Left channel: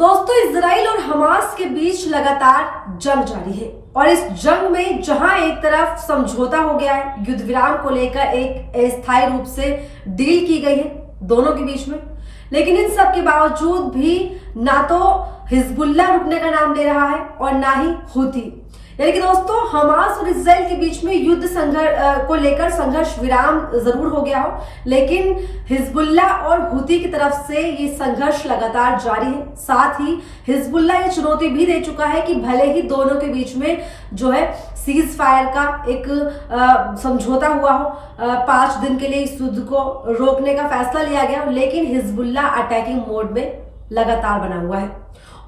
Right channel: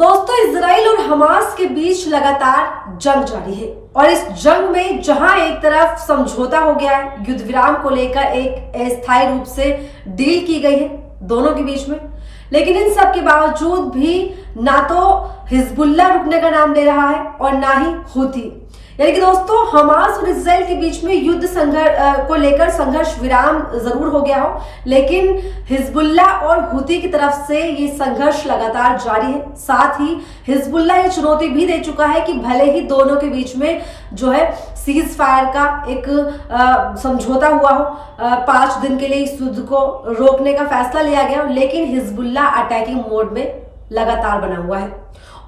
दोस्तों, इजराइल और हमास के बीच लगातार जंग जारी है और इस जंग में जहां एक तरफ समझौता हो गया है, युद्ध विराम को लेकर एक अस्थायी रूप से डील की गई है दोनों के बीच में, लेकिन इन सब के बावजूद भी ना तो हिजबुल्लाह रुकने का नाम ले रहा है और ना ही हूती। यानी कि दोस्तों, हमास और इजराइल के बीच में युद्ध संघर्ष को लेकर संघर्ष विराम जरूर हो गया हो, लेकिन हिजबुल्लाह और हूती की तरफ से ये संघर्ष लगातार जारी है। साथ ही हिजबुल्लाह ये चुनौती भी दे चुका है कि भले ही दोनों के बीच में जो है सीज फायर का एक समझौता हुआ हो, 5 दिन के लिए इस युद्ध को रोकने का फैसला लिया गया हो, लेकिन हिजबुल्लाह अटैकिंग मोड में लगातार बना हुआ है।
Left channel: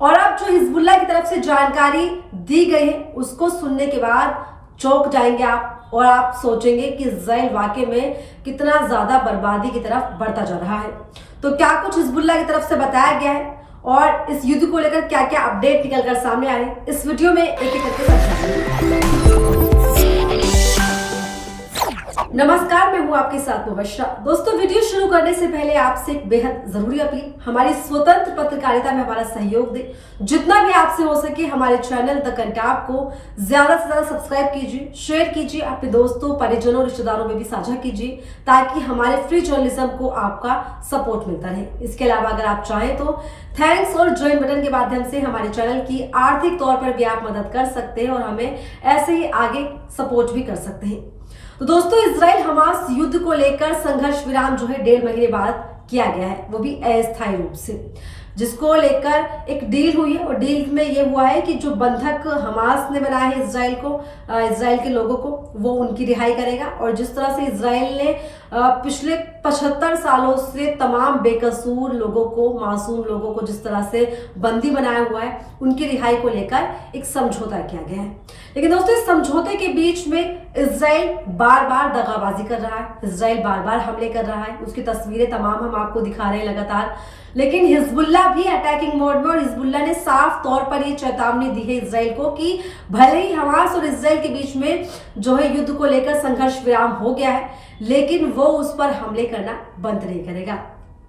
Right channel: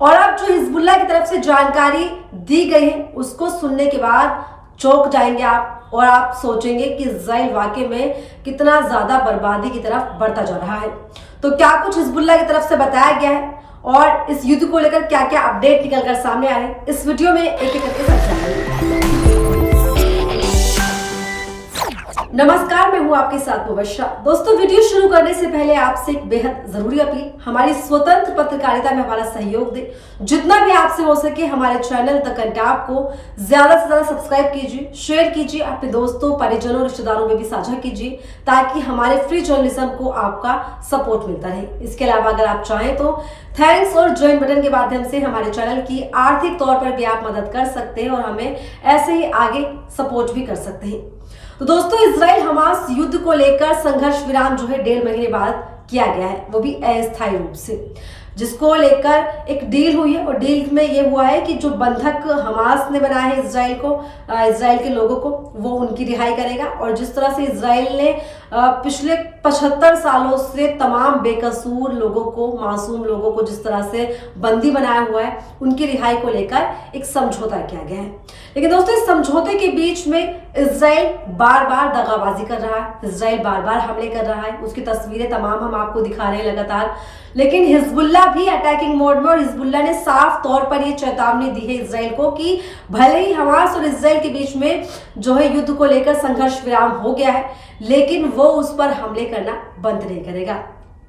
और अब जो हिजबुल्लाह की तरफ से जानकारी दी गई है उसको सुनने के बाद चौंक जाएंगे आप और आप सोचेंगे कि इजराइल वाकई में कितना ज्यादा बर्बादी की तरफ बढ़ता जा रहा है। तो क्या कुछ हिजबुल्लाह की तरफ से बताया गया है और इस युद्ध को लेकर क्या क्या अपडेट निकलकर सामने आ रहे हैं, इस वीडियो में एक एक करके समझाएंगे। नमस्कार, मैं हूं आपके साथ मुबश्शरा। दोस्तों, वीडियो शुरू करने से पहले आपसे एक बेहद जरूरी अपील, हमारी स्वतंत्र पत्रकारिता में हमारा सहयोग दे। जितना भी आपसे हो सके हमारे चैनल द कंटाप को ज्यादा से ज्यादा सब्सक्राइब कीजिए, शेयर कीजिए, अपने दोस्तों, परिजनों, रिश्तेदारों में भी साझा कीजिए ताकि हमारे फ्री जर्नलिज्म को आपका सपोर्ट मिलता रहे। इसके अलावा अगर आप चाहें तो थैंक्स और ज्वाइन बटन के माध्यम से हमारे चैनल की आर्थिक तौर पर भी आप मदद कर सकते हैं और हमें ऐसे ही आगे सपोर्ट भी कर सकते हैं। तो दोस्तों, इजराइल हमास युद्ध को लेकर संघर्ष विराम जो है 1.5 महीने बाद किया गया है, वो भी अस्थायी रूप से, जिसको लेकर एक डील हुई है। और डील में ये हुआ है कि जो बंधक हमास ने बनाया है इजराइल के लोगों को, वो उनकी रिहाई करेगा। और जिस तरह से इजराइल ने पिछले 75 सालों से तमाम बेकसूर लोगों को, मासूम लोगों को जिस तरह से बंदी बनाया हुआ है, उनकी रिहाई को लेकर एक समझौता किया गया है। लेकिन दोस्तों, इस समझौते के बीच में इजराइल बार बार दगाबाजी कर रहा है, इजराइल बार बार हमले कर रहा है। उसकी तस्वीरें तमाम हम आपको दिखा रहे हैं लगातार। लेकिन हिजबुल्लाह भी अटैकिंग मोड में, और हिजबुल्लाह ने साफ तौर पर ये चेतावनी दी है इजराइल को कि भले ही हमास और इजराइल के बीच में जो है युद्ध को लेकर संघर्ष विराम हो गया है, लेकिन वो उस पर हमले करना बंद नहीं करेगा।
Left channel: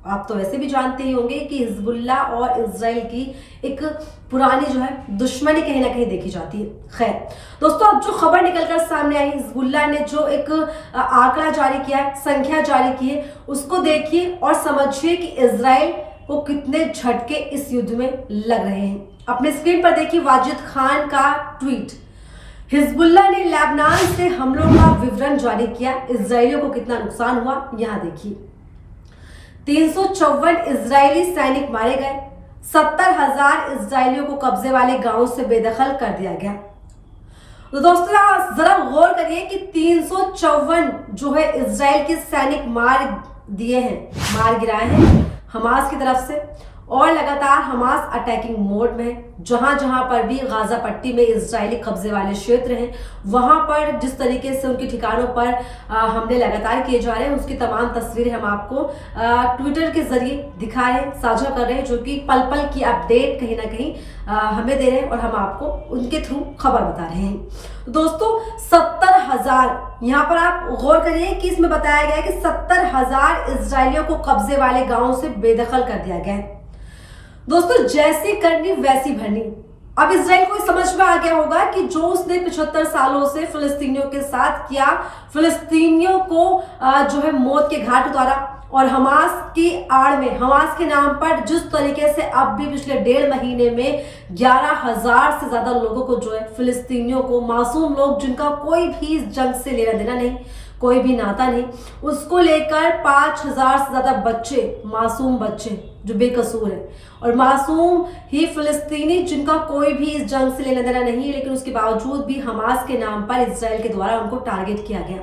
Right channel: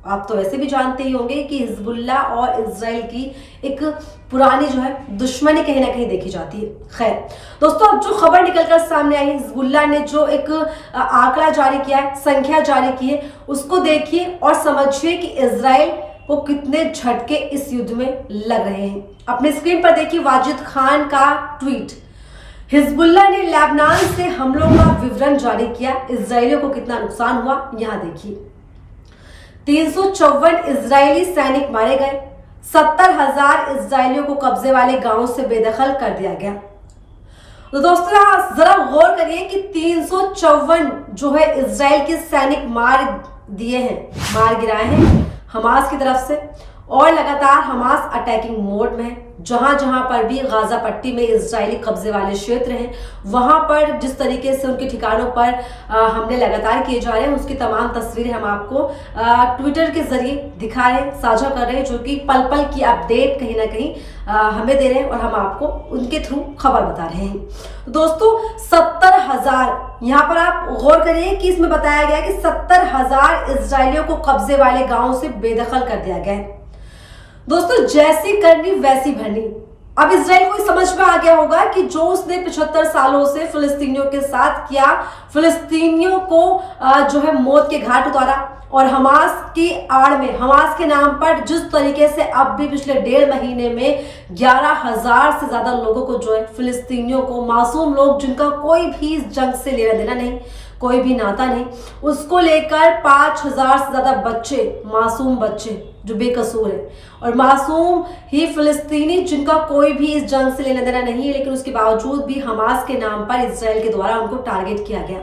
आप तो वैसे भी जानते ही होंगे कि हिजबुल्लाह और इजराइल की एक पुरानी जो है दुश्मनी कहीं ना कहीं देखी जाती है। खैर दोस्तों, अब जो खबर निकलकर सामने आई, हिजबुल्लाह ने जो एक आंकड़ा जारी किया है, संख्या जारी की है, उसको देखिए और समझिए कि इजराइल को कितने झटके इस युद्ध में लग रहे हैं। अपने स्क्रीन पर देखिए वाजिद खान का ट्वीट। हिजबुल्लाह ने लेबनान से हमलों का विवरण जारी किया, इजरायलियों को कितना नुकसान हुआ यहाँ देखिए। 354 इजरायली सैनिक मारे गए, 70,000 इजरायलियों को कब्जे वाले गांवों से बेदखल कर दिया गया। तो दोस्तों, जरा गौर करिए कि 354 जो है इजराइल के सैनिक मार गिराए हैं हमास की तरफ से। और लगातार हमास अटैकिंग मोड में है। जहां जहां पर भी गाजा पट्टी में इजरायली कब्जे वाले क्षेत्र हैं, वहां पर जिस तरीके से उनके ठिकानों पर हमले लगातार किए जा रहे हैं, उसकी तमाम तस्वीरें हम आपको ट्विटर के जरिए दिखा रहे हैं, साझा कर रहे हैं, जो कि पल पल की अपडेट कहीं ना कहीं हमें दे रहे हैं और हम आपको उनके थ्रू खबर बता रहे हैं। दोस्तों, 70,000, यहाँ पर आप गौर करिए कि इसमें बताया गया है कि 70,000 इजरायलियों को कब्जे वाले गांवों से बेदखल कर दिया गया है। दोस्तों, जैसी करनी वैसी भरनी। अब इजराइल को समझ में आ गया होगा कि जो उसने 75 सालों से फिलिस्तीनियों के साथ किया, फिलिस्तीनियों को जो है मौत के घाट उतारा, और हमास की आड़ में, हमास के नाम पर जिस तरीके से अब भी पिछले 1.5 महीने में 11,000 से ज्यादा लोगों को जो है, फिलिस्तीनियों को, मासूम लोग जिनका कोई भी इस जंग से लेना देना नहीं, कोई भी नाता नहीं, उसको लेकर 5,000 से ज्यादा बच्चे, मासूम बच्चे जो बेकसूर है, और मासूम ही फिलिस्तीनी जिनका कोई भी इस जंग से लेना देना नहीं है, लेकिन उसके बावजूद भी हमास के नाम पर इजराइल के द्वारा उनको टारगेट किया गया।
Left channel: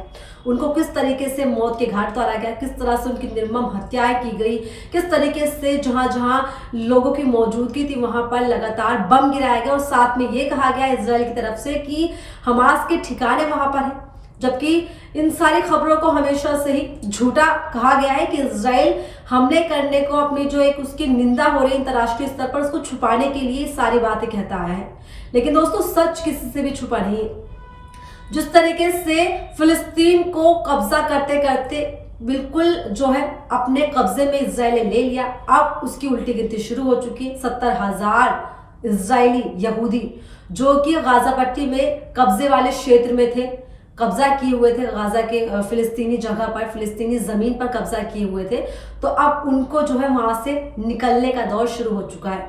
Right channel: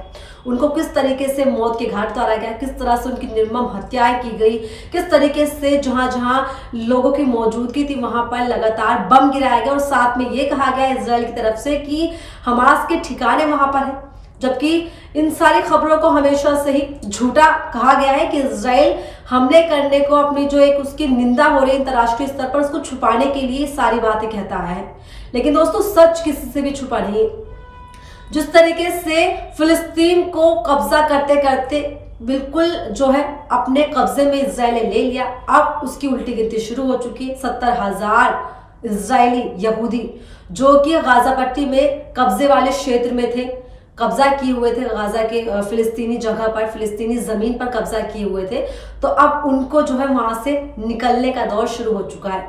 उनको किस तरीके से मौत के घाट उतारा गया, किस तरह से उनकी निर्मम हत्याएं की गई, किस तरीके से जहां जहां लोगों की मौजूदगी थी वहां पर लगातार बम गिराया गया। और साथ में ये कहा गया इजराइल की तरफ से कि हमास के ठिकाने वहां पर है, जबकि इन सारी खबरों को हमेशा से ही झूठा कहा गया है कि इजराइल हमले करने को, अपनी जो एक उसकी निंदा हो रही है अंतर्राष्ट्रीय स्तर पर, उसको छुपाने के लिए सारी बातें कहता आया है। लेकिन दोस्तों, सच किसी से भी छुपा नहीं है। जिस तरीके से फिलिस्तीन को कब्जा करते करते बिल्कुल जो है अपने कब्जे में इजराइल ने ले लिया। अब उसकी उल्टी गिनती शुरू हो चुकी है। 70,000 इजरायली यहूदी जो कि गाजा पट्टी में कब्जे वाले क्षेत्र में थे, कब्जा किए हुए थे, गाजा के फिलिस्तीनी जगह पर, फिलिस्तीनी जमीन पर कब्जा किए हुए थे, तो अब उनको जो है वहां से निकलने का दौर शुरू हो चुका है।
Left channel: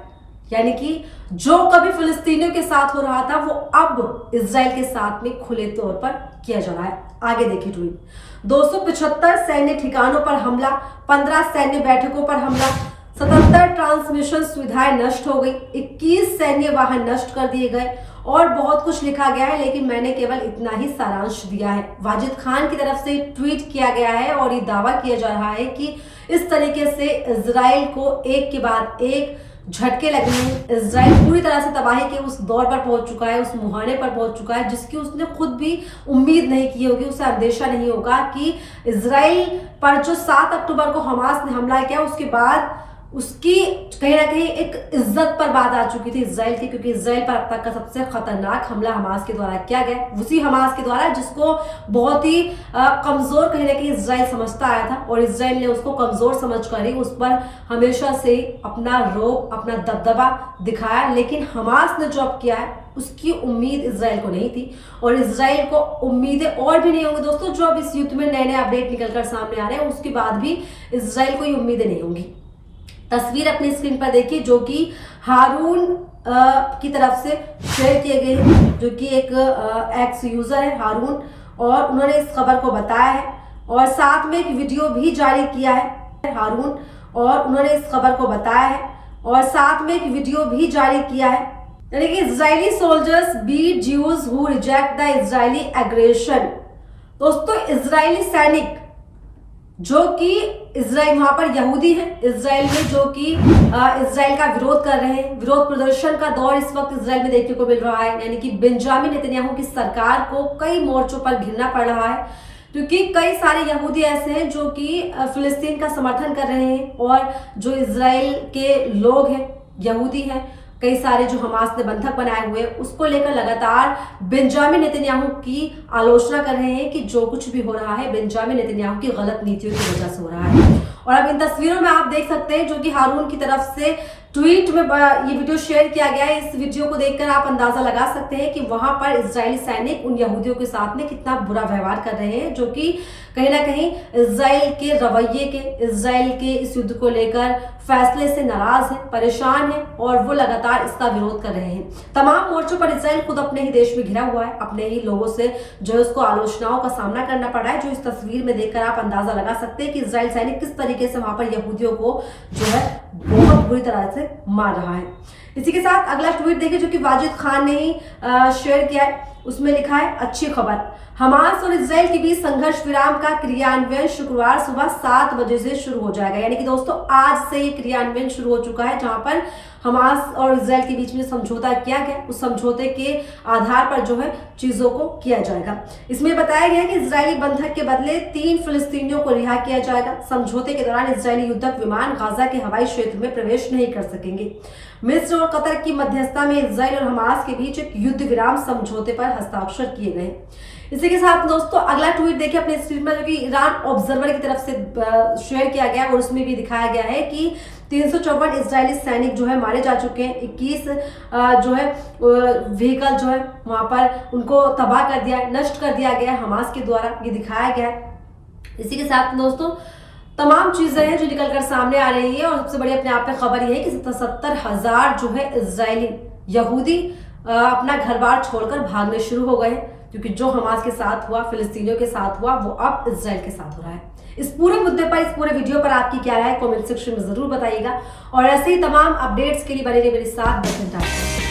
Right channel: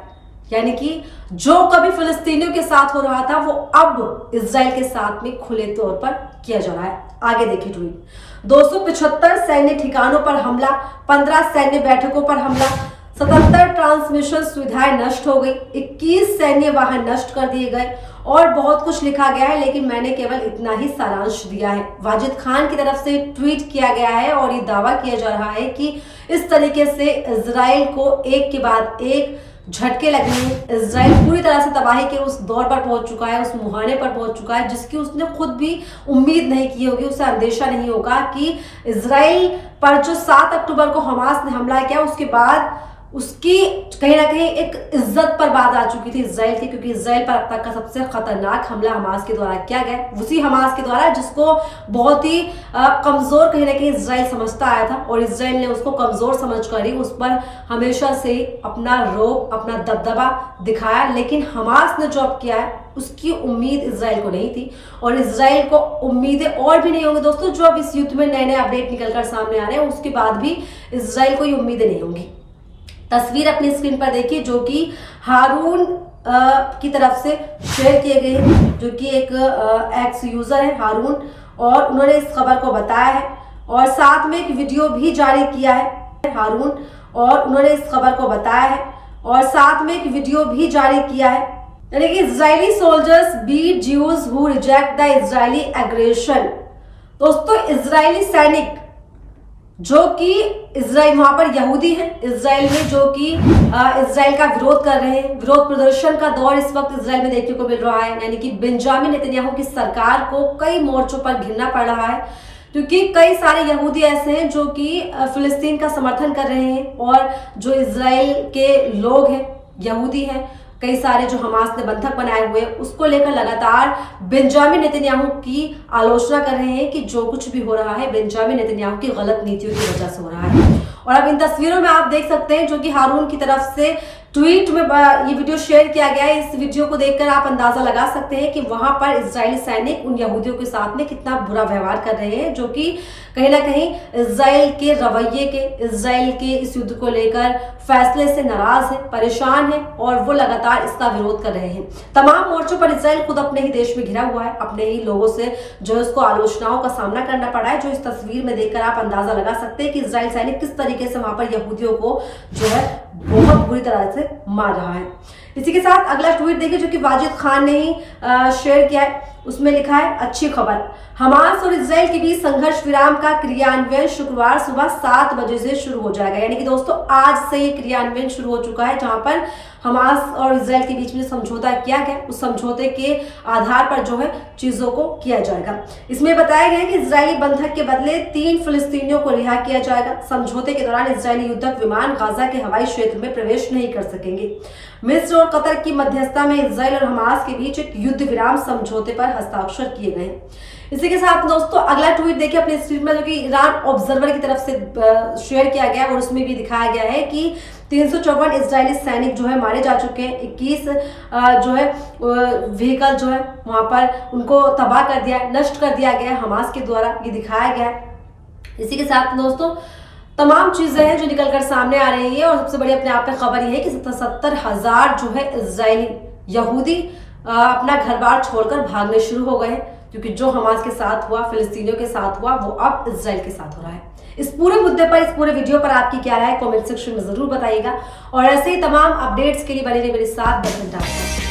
यानी कि जो कभी फिलिस्तीनियों के साथ हो रहा था वो अब इजराइल के साथ में खुले तौर पर किया जा रहा है। आगे देखिए ट्वीट। 275 सैन्य ठिकानों पर हमला, 15 सैन्य बैठकों पर हमला, 77 ट्रांसमिशन सुविधाएं नष्ट हो गई, 21 सैन्य वाहन नष्ट कर दिए गए और बहुत कुछ लिखा गया है, लेकिन मैंने केवल इतना ही सारांश दिया है। वाजिद खान की तरफ से ट्वीट किया गया है और ये दावा किया जा रहा है कि इस तरीके से इजराइल को एक के बाद एक झटके लगे हैं। इजराइल पूरी तरह से तबाही के उस दौर पर पहुंच चुका है, उस मुहाने पर पहुंच चुका है जिसकी उसने खुद भी उम्मीद नहीं की होगी, उसे अंदेशा नहीं होगा कि इजराइल पर जो 7 अक्टूबर को हमास ने हमला किया उसके बाद उसकी कहीं ना कहीं एक इज्जत पर बात आ चुकी थी इजराइल की, क्योंकि इजराइल पर अब तक का सबसे खतरनाक हमला हमास के द्वारा किया गया, उसी हमास के द्वारा जिसको बहुत ही कमजोर कहीं ना कहीं इजराइल समझता आया था और इजराइल ने उसको कमजोर समझकर ही उस पर हमेशा से ही अपना रोब, अपना दबदबा दिखाया। लेकिन हमास ने जो अब किया है उसकी उम्मीद इजराइल को नहीं थी और इजराइल को उम्मीदें और भी नहीं होंगी दोस्तों। जो अब इस युद्ध में नए नए अपडेट निकलकर सामने आ रहे हैं उसके बाद भी इजराइल को ये उम्मीदें नहीं होंगी। तस्वीर अपनी स्क्रीन पर देखिए जो कि हारून की तरफ से शेयर किए गए हैं, जो कि एक एक्स यूजर है हारून, और उन्होंने इस खबर को बताया है और साथ में एक वीडियो भी जारी किया है हारून, और उन्होंने इस खबर को बताया है और साथ में एक वीडियो भी जारी किया है। यानी कि Israeli soldiers beat Jews who reject the Israeli aggression. दोस्तों इजरायली सैनिक जो कि इजराइल वहां पर यहूदी हैं इजराइल में, जो कि इजराइल का विरोध कर रहे हैं, विरोध प्रदर्शन का दौर इस वक्त इजराइल में देखने को मिल रहा है। यानी कि बेंजामिन नेतन्याहू की सरकार को कई मोर्चों पर घिरना पड़ रहा है क्योंकि कई सारे यहूदी ऐसे हैं जो कि फिलिस्तीन का समर्थन कर रहे हैं और जो इजराइल के लोग हैं, यहूदी हैं, कई सारे जो हमास ने बंधक बनाए हुए उसको लेकर लगातार बेंजामिन नेतन्याहू की आलोचना कर रहे हैं कि जो कुछ भी हो रहा है बेंजामिन नेतन्याहू की गलत नीतियों की वजह से हो रहा है। और अब इन तस्वीरों में आप देख सकते हैं जो कि हारून की तरफ से ट्वीट में ये वीडियो शेयर किया गया है। इस वीडियो को देखकर आप अंदाजा लगा सकते हैं कि वहां पर इजरायली सैनिक उन यहूदियों के साथ में कितना बुरा व्यवहार कर रहे हैं, जो कि कहीं ना कहीं इजराइल के रवैये के, इजराइल के इस युद्ध को लेकर फैसले से नाराज है, परेशान है और वो लगातार इसका विरोध कर रहे हैं। तमाम मोर्चों पर इजराइल खुद अपने ही देश में घिरा हुआ है, अपने ही लोगों से जो है उसको आलोचनाओं का सामना करना पड़ा है, जो इस तस्वीर में देखकर आप अंदाजा लगा सकते हैं कि इजराइल सैनिक किस तरीके से वहां पर यहूदियों को जो है बहुत बुरी तरह से मार रहा है। इसी के साथ अगला ट्वीट देखिए जो कि वाजिद खान ने ही शेयर किया है। उसमें लिखा है अच्छी खबर, हमास और इजराइल के बीच संघर्ष विराम का क्रियान्वयन शुक्रवार सुबह 7 बजे से शुरू हो जाएगा। यानी कि दोस्तों आज से ये क्रियान्वयन शुरू हो चुका है, जहां पर हमास और इजराइल के बीच में समझौता किया गया उस समझौते के आधार पर जो है चीजों को किया जाएगा। इसमें बताया गया है कि इजरायली बंधक के बदले 3 फिलिस्तीनियों को रिहा किया जाएगा। समझौते के दौरान इजरायली युद्धक विमान गाजा के हवाई क्षेत्र में प्रवेश नहीं कर सकेंगे। मिस्र और कतर की मध्यस्थता में इजराइल और हमास के बीच एक युद्ध विराम समझौते पर हस्ताक्षर किए गए। इसी के साथ दोस्तों अगला ट्वीट देखिए अपने स्क्रीन पर, जो कि ईरान ऑब्जर्वर की तरफ से शेयर किया गया और उसमें भी दिखाया गया है कि 354 इजरायली सैनिक जो है मारे जा चुके हैं। 21 जो है व्हीकल जो है वहां पर उनको तबाह कर दिया, नष्ट कर दिया गया है हमास के द्वारा, ये दिखाया गया है। इसी के साथ दोस्तों तमाम चीजें हैं जो निकलकर सामने आ रही है और सबसे बड़ी अपने आप में खबर यह है कि 70,000 जो है इजरायली यहूदी अपना घर बार छोड़कर भागने शुरू हो गए, क्योंकि जो हमास के साथ हुआ, फिलिस्तीनियों के साथ हुआ, वो अब इजराइल के साथ हो रहा है। इस पूरे मुद्दे पर, इस पूरे वीडियो पर आपकी क्या राय है कमेंट सेक्शन में जरूर बताइएगा और ऐसे ही तमाम अपडेट्स के लिए बने रहिए मेरे साथ।